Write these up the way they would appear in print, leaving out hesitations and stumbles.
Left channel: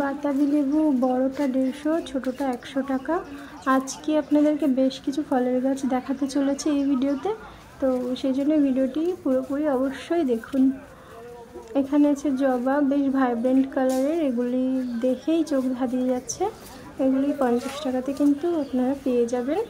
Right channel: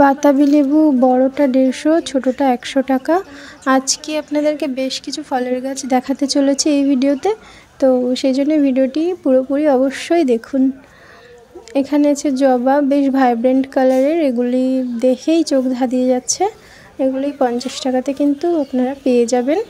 বাতাবি লেবু বড়টা 150, ছোটোটা 100 টাকা। আজকে আপনাদেরকে বেশ কিছু ফলের গাছ দেখাতে চলেছে এই ভিডিওতে, তো সেই জন্য ভিডিওটি পুরোপুরি অবশ্যই দেখুন। এখানে আছে জবা, বেশ ভাইব্রেন্ট কালারের, এগুলি দেখেই চোখ ধাঁধিয়ে যাচ্ছে। এগুলি 50 টাকাতে কিন্তু আপনারা পেয়ে যাবেন।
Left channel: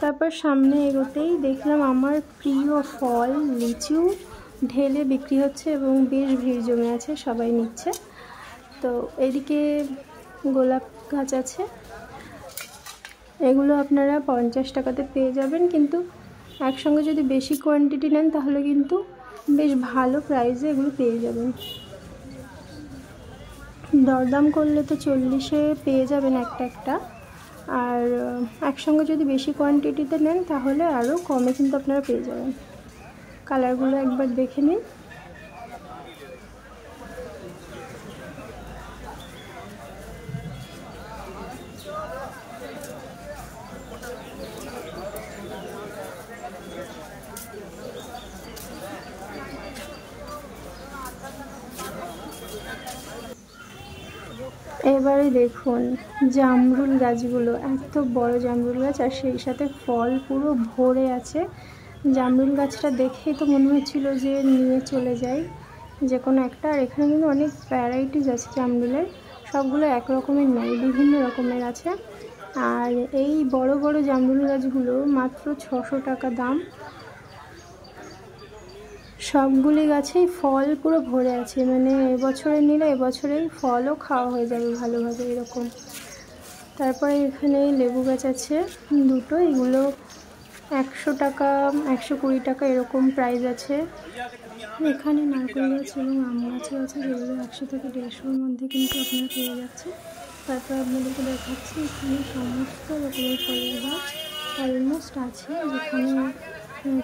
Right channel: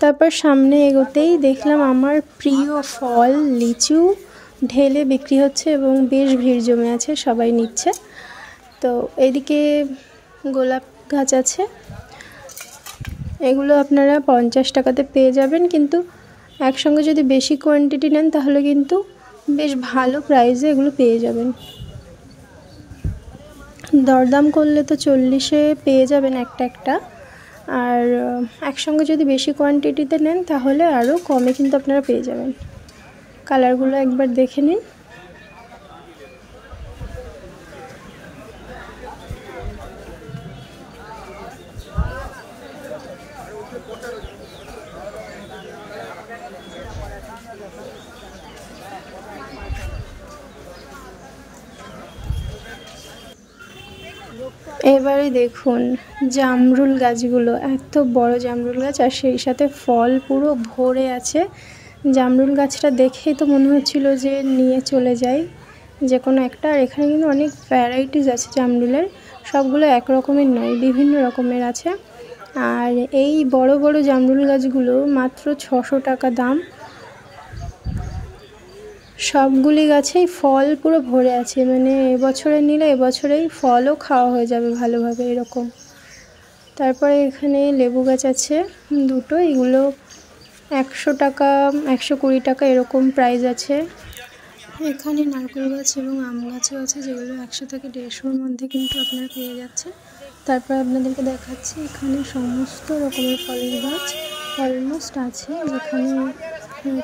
তারপর সামনে এগোতেই দেখলাম আমার প্রিয় ফল লিচু ঢেলে বিক্রি হচ্ছে এবং বেশ ভিড় জমে আছে, সবাই নিচ্ছে। তো এদিকে গোলাপ গাছ আছে, এগুলো আপনারা 50 টাকাতে পেয়ে যাবেন, কিন্তু একসঙ্গে যদি বেশি কোয়ান্টিটি নেন তাহলে কিন্তু বেশ ভালো প্রাইসে এগুলো পেয়ে যাবেন। দরদাম করলে তো 40-এ পেয়ে যাবেন একটা একটা, আর একসঙ্গে যদি বেশি কোয়ান্টিটিতে নেন তাহলে আরও কমে কিন্তু আপনারা পেয়ে যাবেন। কালারগুলো একবার দেখে নিন। এবারে দেখুন জামরুল গাছগুলো, এত বড় জামরুল গাছ আর সেই সাথে ফল পুরো ভরে আছে। জামরুল গাছটা দেখেই তো মনে হচ্ছিল যে নিয়ে চলে যাই যে কোনো একটা। আর এখানে কিন্তু অনেক ভ্যারাইটিস আছে জামরুলের, সবগুলো এক রকমের নয়, বিভিন্ন রকমের আছে। আর এই বড় বড় জামরুল গাছগুলো মাত্র 600 টাকা দাম। সবগুলি গাছেই ফল পুরো ভরে আছে, মানে এবছরে নিলে এবছরেই ফলও খাওয়া হয়ে যাবে ভালোভাবে এরকম। তারপরে এখানে লেবু গাছ আছে দুটো, এগুলো 100 টাকা 120 টাকা এরকম প্রাইস আছে। এখানে নারকেল গাছ এবং আম গাছও আছে, যেগুলো 100 থেকে 150-এর মধ্যে কিন্তু আপনারা পেয়ে যাচ্ছেন। তারপর আপনাদেরকে দেখাচ্ছি এখানে সমস্ত রকমের ফলের গাছ অলমোস্ট আছে, যেখানে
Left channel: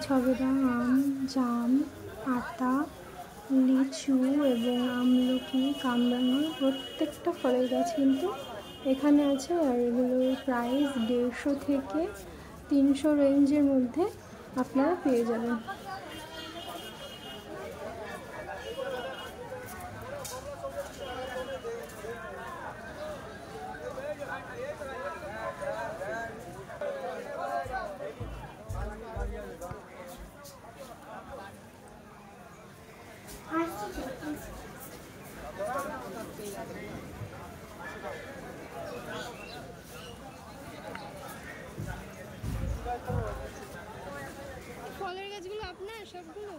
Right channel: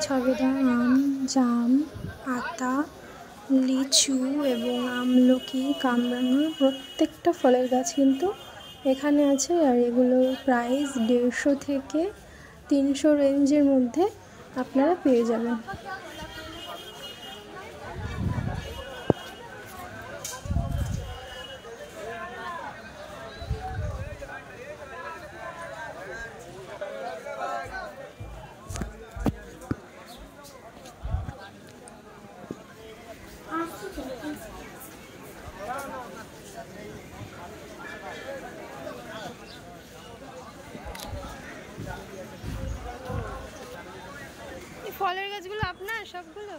ছবেদা আম, জাম, আতা, লিচু এবং আমলকি, কামরাঙা, প্রত্যেকটা ফলের গাছ কিন্তু এখানে আছে। আর এগুলোর প্রাইস 150 থেকে 300 রেঞ্জের মধ্যে আপনারা পেয়ে যাবেন। ফলের গাছগুলো আপনার সবগুলো?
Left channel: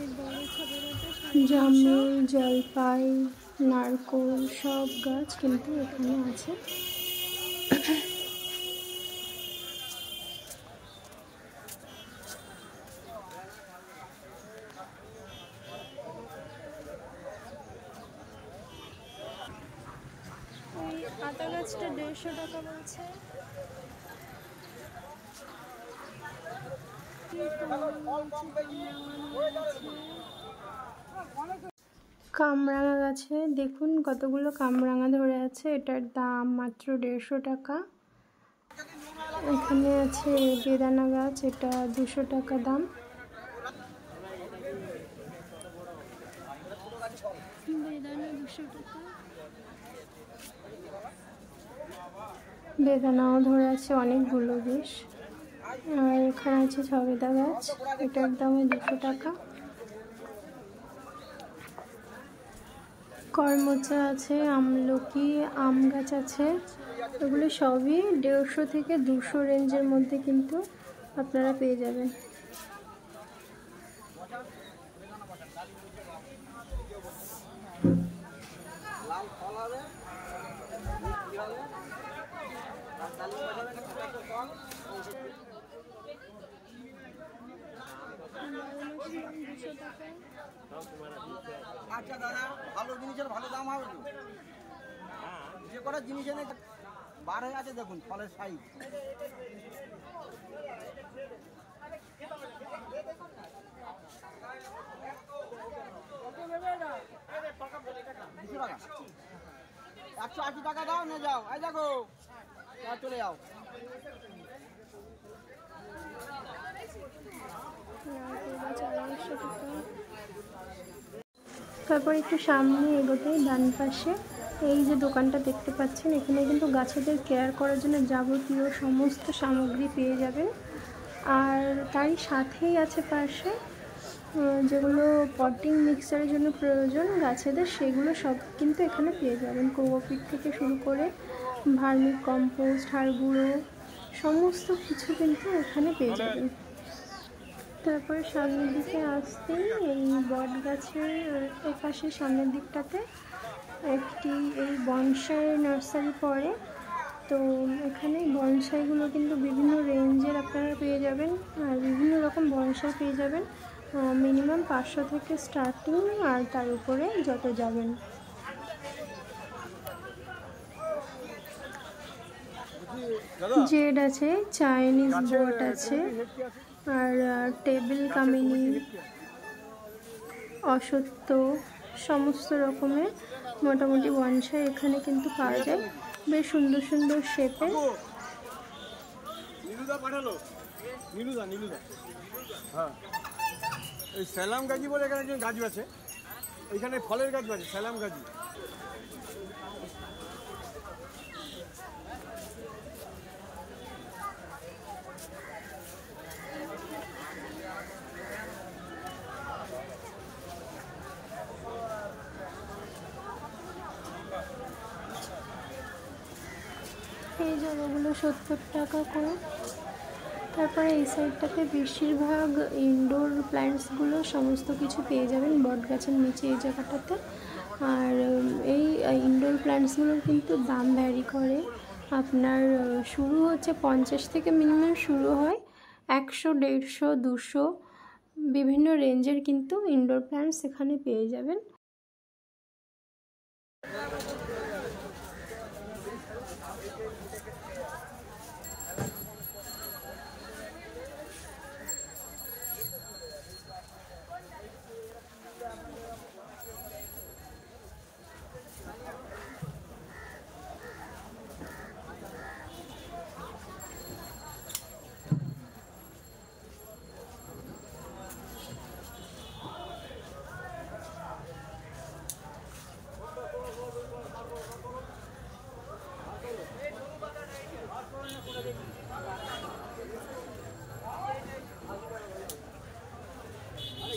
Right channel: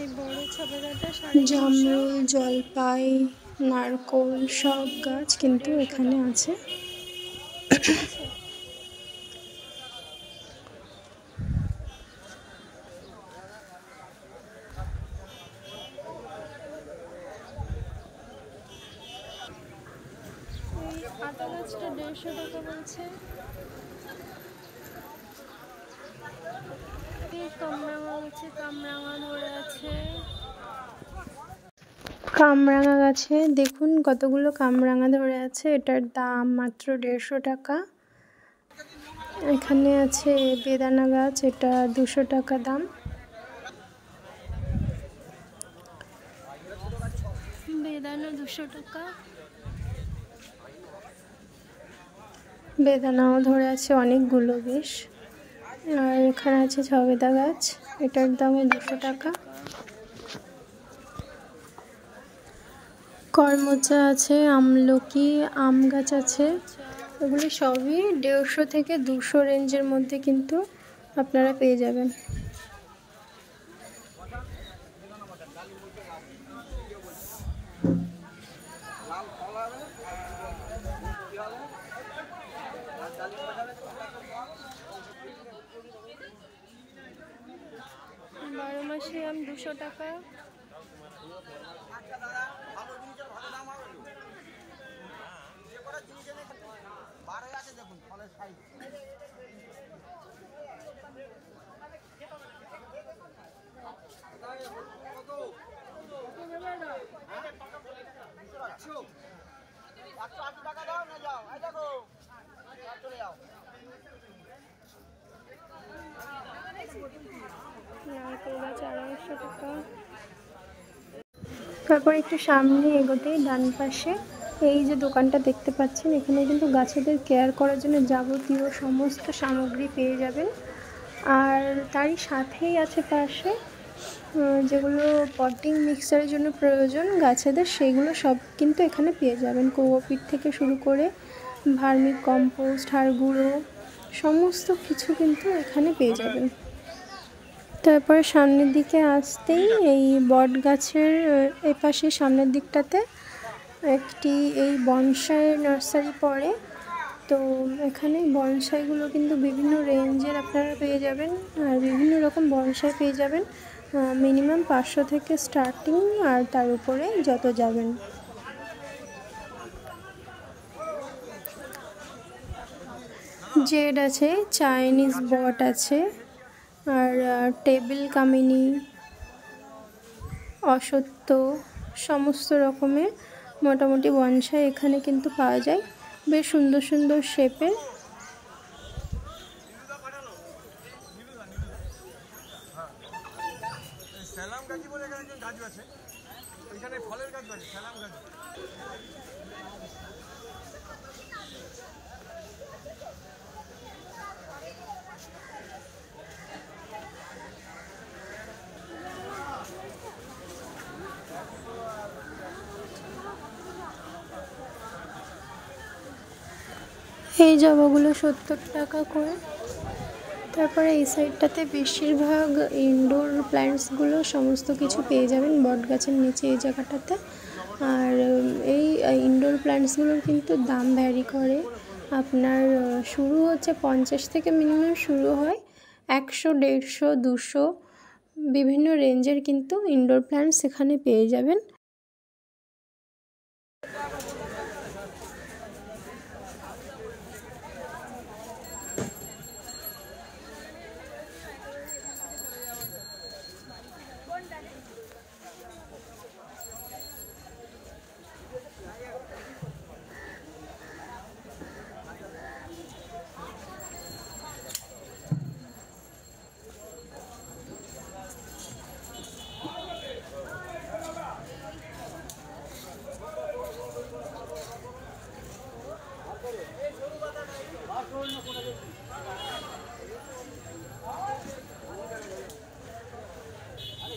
এই বড় ছবেদাটা জামরুল, জলপাই, নারকোল সব গাছ কিন্তু এখানে আছে। আতা গাছটা 150 টাকা বলছে। কামরাঙা গাছে কামরাঙা ধরে আছে। কামরাঙা গাছে দেখুন কতগুলো কামরাঙা ধরে আছে, এটার দাম মাত্র 150 টাকা। এখানে আছে বেদানা গাছ, এটা 200 টাকা দাম। বেদানা 200 টাকা। বেদানাও ধরে আছে অনেকগুলো বেশ। আর এখানে আছে ছবেদা গাছ, এটার দামও 200 টাকা। করমচা আছে, আমলকি, আম গাছ আছে, এগুলো সবই 150 থেকে 200 রেঞ্জের মধ্যে কিন্তু আপনারা পেয়ে যাবেন। বারোমাসি আম 200 টাকা। আচ্ছা দাদা, ভালো জিনিসের ভালো দাম হবে, যে কটা জিনিস এনে বার হয়ে গেছে দেখুন ফলের সাইজ। একশো 80 টাকা দাও, নিয়ে যাও। এই দেখো চলে যাও। নারকেল গাছ 250 টাকা। তারপর একটু সামনে এগোতেই ডান পাশে এই যে দোকানটা দেখতে পাচ্ছেন, এখানে কিন্তু গাছেদের কেয়ার করার জন্য যাবতীয় সমস্ত সামগ্রী পেয়ে যাবেন। আর তারই সাথেই আছে পাশে যেগুলো পটিং মিক্সচারের জন্য প্রয়োজন গাছেদের, সেগুলো সব কিন্তু এখানে পেয়ে যাবেন। কোকোপিট থেকে শুরু করে ভার্মি কম্পোস্ট, হাড় গুঁড়ো, সমস্ত কিছু কিন্তু এখানে পেয়ে যাবেন। তারপরে সামনের দিকে আসতেই এই বট গাছের এপাশে সামনের দিকটাতে একটি এই বনসাই নার্সারি পড়ে। তো এখানে বনসাইগুলো কিন্তু বিভিন্ন রেঞ্জের আপনারা পেয়ে যাবেন, আর বিভিন্ন রকম বনসাই পেয়ে যাবেন। মিনিমাম 500 থেকে স্টার্টিং, আর তার উপরে যত যাবেন। জেড আছে, চাইনিজ বট আছে, আর টেবিল কামিনী, অসত্য, সমস্ত রকমের মোটামুটি বনসাই এখানে কিন্তু পাওয়া যায়, বেশ সুন্দর সুন্দর শেপের। স্যালাম গাজি বলে এখানে যে গাছ আছে, এখানে ফলের গাছ আছে, স্যালাম গাজি। এই জবাগুলো 70 টাকা করে। তারপরে এই সাইডটাতে বেশিরভাগ ইনডোর প্ল্যান্টসগুলো সমস্ত কিছু পেয়ে যাবেন বট গাছের নিচে এই জায়গাটাতে। আর এই ইনডোর প্ল্যান্টসগুলোর কিন্তু দাম ভ্যারি করে। আপনার শুরু হচ্ছে 50 থেকে মিনিমাম শুরু হয়, 100, 150, 200 বিভিন্ন রেঞ্জের কিন্তু ইনডোর প্ল্যান্টস এখানে পেয়ে যাবেন।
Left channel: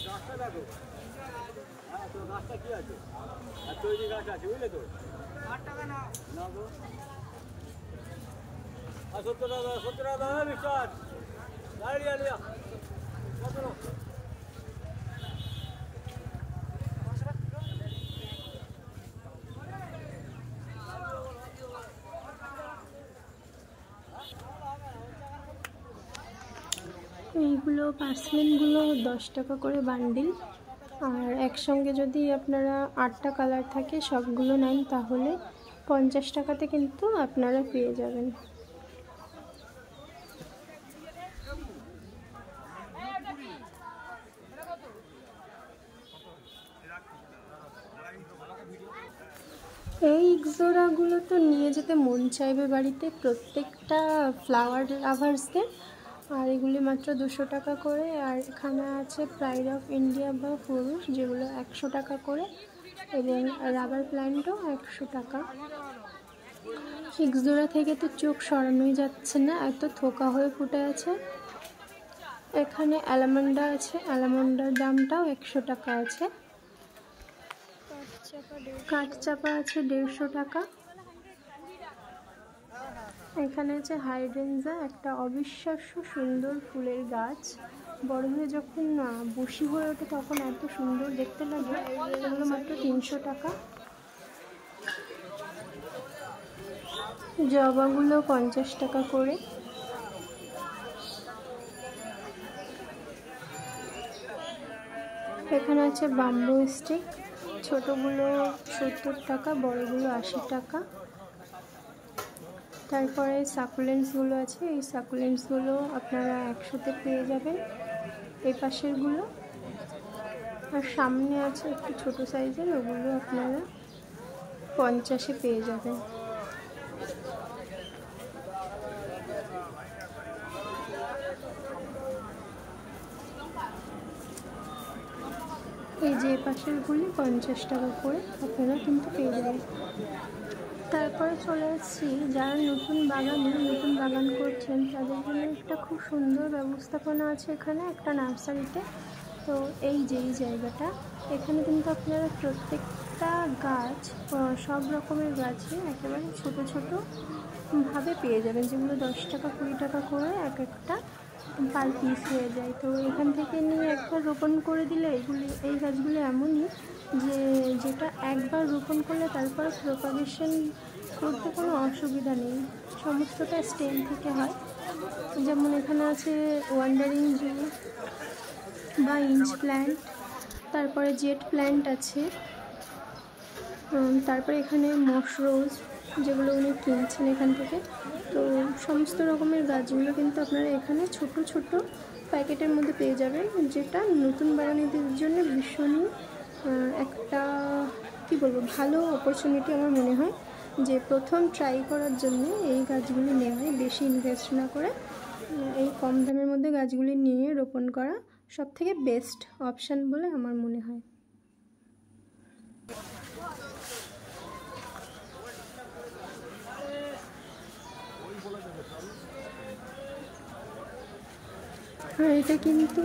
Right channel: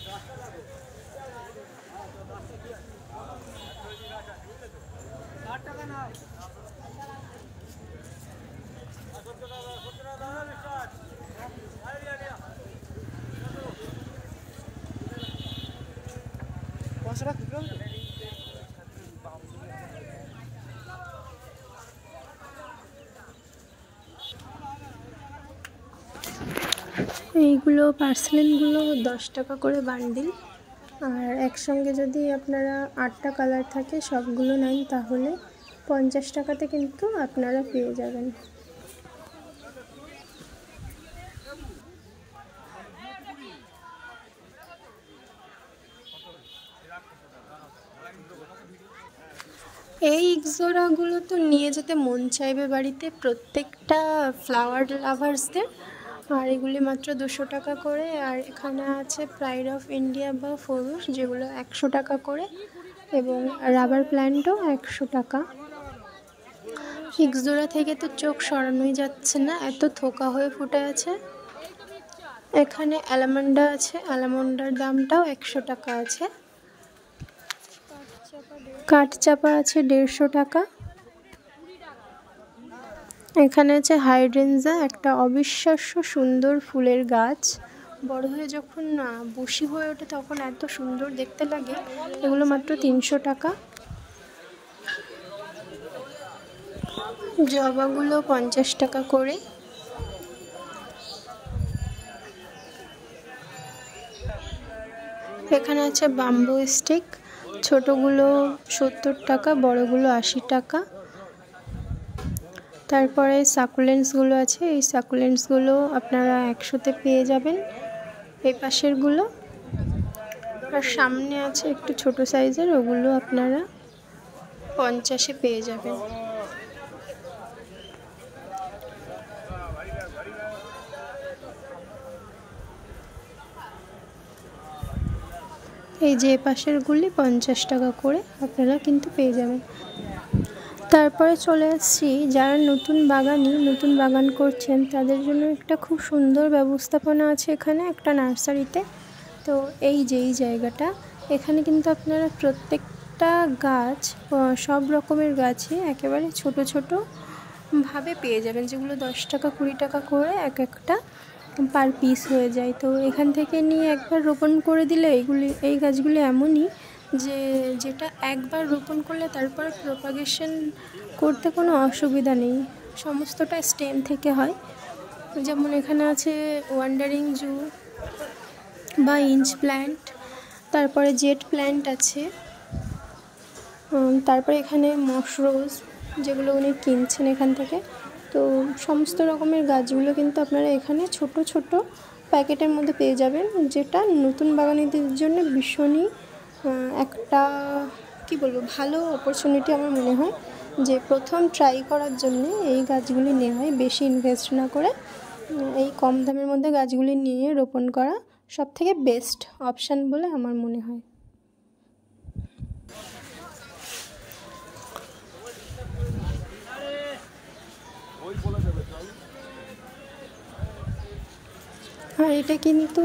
গাছটা দেখো, হ্যাঁ তো গাছটা কি আছে, তৈরি গাছ আছে বুঝলে তো, 60 টাকা নয়, 70 টাকা, 70 টাকা বিশ্বাস আইডিয়া লিয়া এইগুলো পার্সেলিনগুলো 10 টাকা করে বান্ডিল। আর একসঙ্গে যদি আপনারা 8টা কালার থাকে সবগুলো নেন তাহলে 50 টাকাতে কিন্তু আপনারা পেয়ে যাবেন। এই ইক্সোরাগুলো তো নিয়ে যেতে মন চাইবে বাড়িতে প্রত্যেকটা ফ্লাওয়ার লাভার্সদের। আর এগুলি মাত্র 200 টাকা করে। আর এখানে আছে প্রাইড অফ ইন্ডিয়া বা ফুরুষ, যেগুলো 100 টাকা করে, এবং রাবার প্ল্যান্টও 100 টাকা। ইক্সোরা থেকে তো চোখ সরানোই যাচ্ছে না, এত থোকা হয়ে ফুটে আছে। এখানে অ্যালামন্ডা আছে, অ্যালামন্ডার দামটাও 100 টাকা আছে। কাঠচাপা আছে 150 টাকা। এখানে আছে হাইড্রেঞ্জা, একটা অবিশ্বাস্য সুন্দর ফুলের গাছ, বড় হয়ে যখন বুশি হয়ে ওঠে তখন এত সুন্দর দেখতে লাগে। এগুলো মাত্র 300 টাকা। জবাগুলো 50 টাকা করে। এখানে আছে বাম্বু স্টিক, ছোটোগুলো 70 টাকা, বড়গুলো 80 টাকা। তারপরে সাকুলেন্টসগুলো আছে, এই সাকুলেন্টসগুলো আপনারা 100-তে পেয়ে যাবেন এই পাশেরগুলো। আর সামনে আছে একটু ছোট সাইজের, ওগুলো আপনারা 50-এ পেয়ে যাবেন। এই যে পাশেরগুলি 50 টাকা করে আপনারা কিন্তু পেয়ে যাবেন। তারপরে চলে আসছি যারা নতুন বাগান করছেন তাদের জন্য একটা খুব সুন্দর ব্যবস্থাপনা আছে এখানে একটা নার্সারিতে। তো এই জায়গাটা, এখানে কিন্তু আপনারা প্রত্যেকটা গাছ, সব রকমের গাছই একেবারে ছোট ভাবে পেয়ে যাবেন, যেগুলো 10 টাকা 20 টাকা করে একটা পার পিস হয়ে যায়। তো এখান থেকে নিয়ে একবার রোপণ করে দিলে এই গাছগুলি এমনই যে যেটা একবার রোপণ করলে তারপরে প্রপাগেশন করতে কোনো অসুবিধা নেই, সমস্তটা স্টেম থেকে হয়। যেমন এখানে আছে ওয়ান্ডারিং জু বা ইঞ্চ প্ল্যান্ট, তারপরে জেট প্ল্যান্ট আছে, তারপরে এখানে মশরোজ যেগুলো উনি কিনছেন এখান থেকে। তো সমস্ত রকমের গাছগুলো কিন্তু আপনারা এখানে ছোট প্যাকেটের মধ্যে পেয়ে যাবেন, যেটা নতুন বাগানীদের জন্য ভীষণই একটা ভালো অপরচুনিটি আমার মনে হয়, যে প্রথম ট্রাই করার জন্য এই গাছগুলি নেওয়া, বেশি ইনভেস্ট না করে এই কম দামের মধ্যে গাছগুলি নিয়ে রোপণ করা সবথেকে বেস্ট অপশান বলে আমার মনে হয়। আর এটা কিন্তু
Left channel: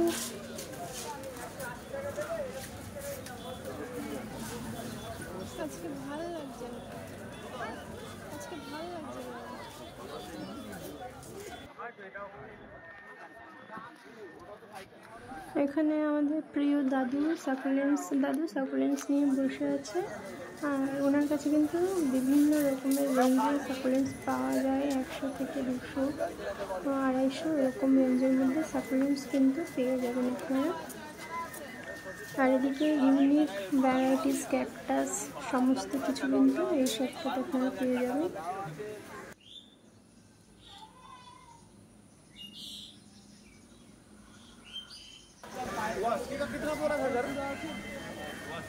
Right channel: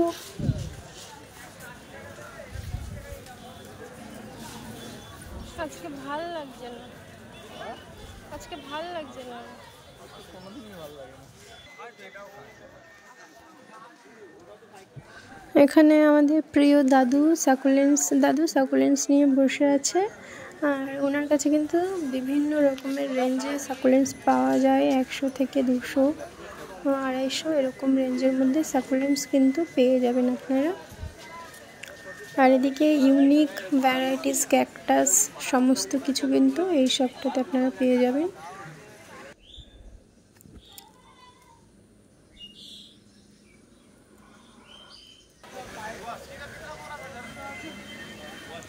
আজকে ভাল লাগছে না, এখানে আমাদের প্রিয় দাদু সাকুলেন্স নিয়ে বসে আছে। আর ওনার কাছে কিন্তু বিভিন্ন রকমের রেঞ্জে সাকুলেন্স পাওয়া যায়, 100 থেকে 200, 250 এরকম রেঞ্জের মধ্যে সাকুলেন্স কিন্তু পেয়ে যাবেন আপনারা। আর এদিকে ইউনিক ভ্যারাইটিস ক্যাকটাস সমস্ত কিছু কিন্তু এই শপটাতে আপনারা পেয়ে যাবেন।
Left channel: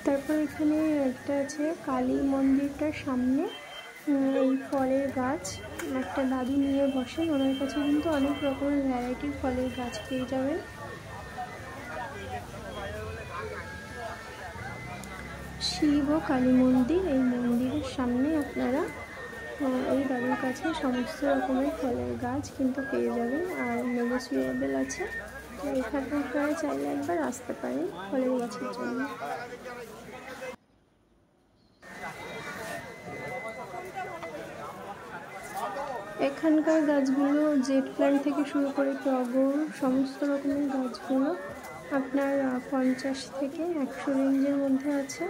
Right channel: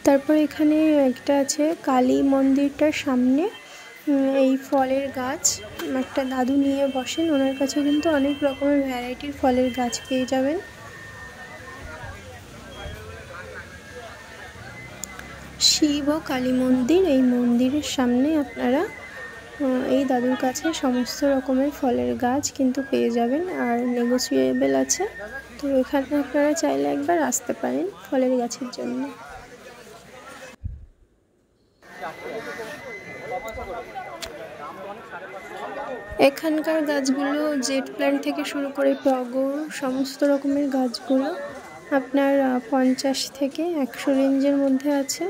তারপর এখানে একটা আছে কালী মন্দিরটার সামনে এই ফলের গাছ, একটা দাদু নিয়ে বসেন, ওনার কাছে কিন্তু অনেক রকমের ভ্যারাইটির ফলের গাছ পেয়ে যাবেন। শিব ও কালী মন্দির, এই মন্দিরের সামনে আপনারা এই দাদুর কাছে সমস্ত রকমের ফলের গাছ কিন্তু পেয়ে যাবেন, আর নেগোসিয়েবল আছে। তো এখানে আপনারা চাইলে একবার আসতে পারেন ফলের গাছের জন্য। এখানকার গাছগুলো জেট প্ল্যান্ট থেকে শুরু করে টগর সমস্ত রকমের গাছগুলো আপনার 50 থেকে 100 রেঞ্জের মধ্যে আছে।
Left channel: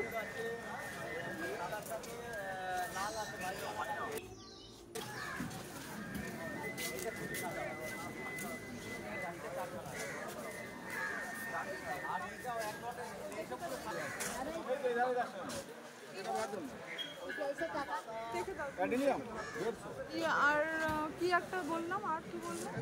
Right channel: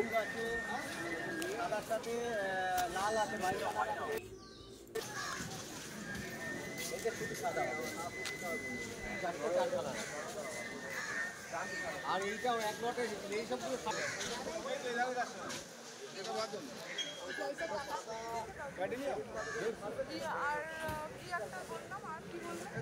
আর কি একটা বললাম, আর কি বললাম,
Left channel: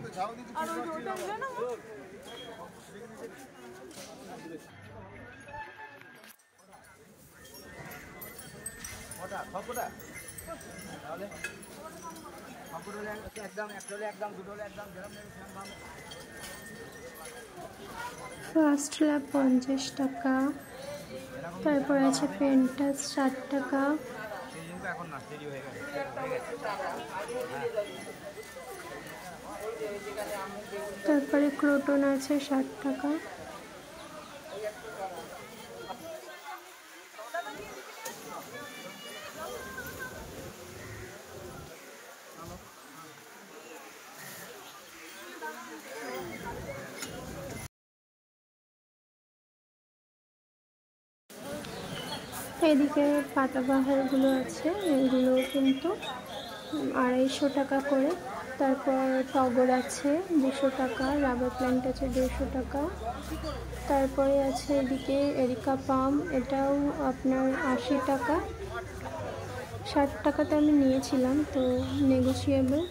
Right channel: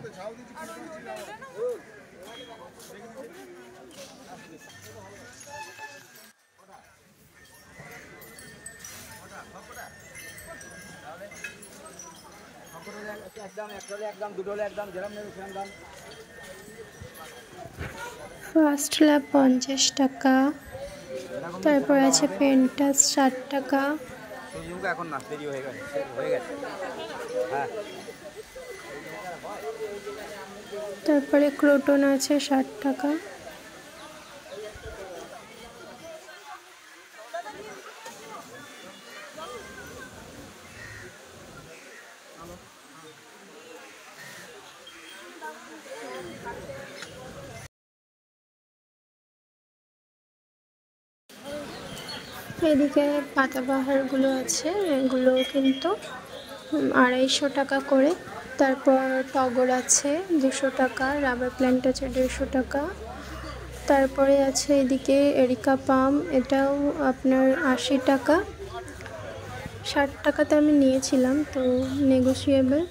ফার্স্ট ল্যাব 50 টাকা, তারপর আছে পেন্টাস 60 টাকা, তারপরে ক্রোটন আছে 60 টাকা। এদিকে পাতাবাহারগুলো আছে, এগুলো কিন্তু 250 টাকা করে। তারপর টগর আছে 200 টাকা, রাবার প্ল্যান্ট আছে 150 টাকা। তারপরে আছে এদিকে এরিকা পাম, এটাও আপনার 80 টাকা, 60 টাকাতে আমি নিয়েছিলাম, তো নেগোসিয়েবল।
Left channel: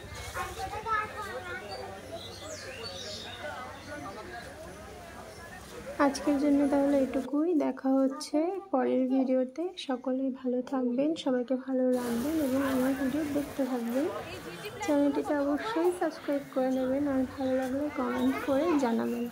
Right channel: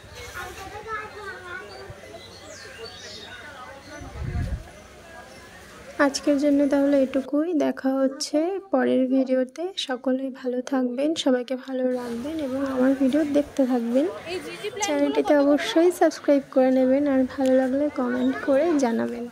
আজকের জন্য তাহলে এটুকুই, দেখা হচ্ছে পরের ভিডিওতে। সকলেই ভালো থাকবেন, সবাইকে ভালো রাখবেন এবং আমার ভিডিও দেখতে থাকবেন। চ্যানেলটিতে অবশ্যই সাবস্ক্রাইব করে নেবেন, আর ভালো লাগলে কমেন্ট করে জানাবেন।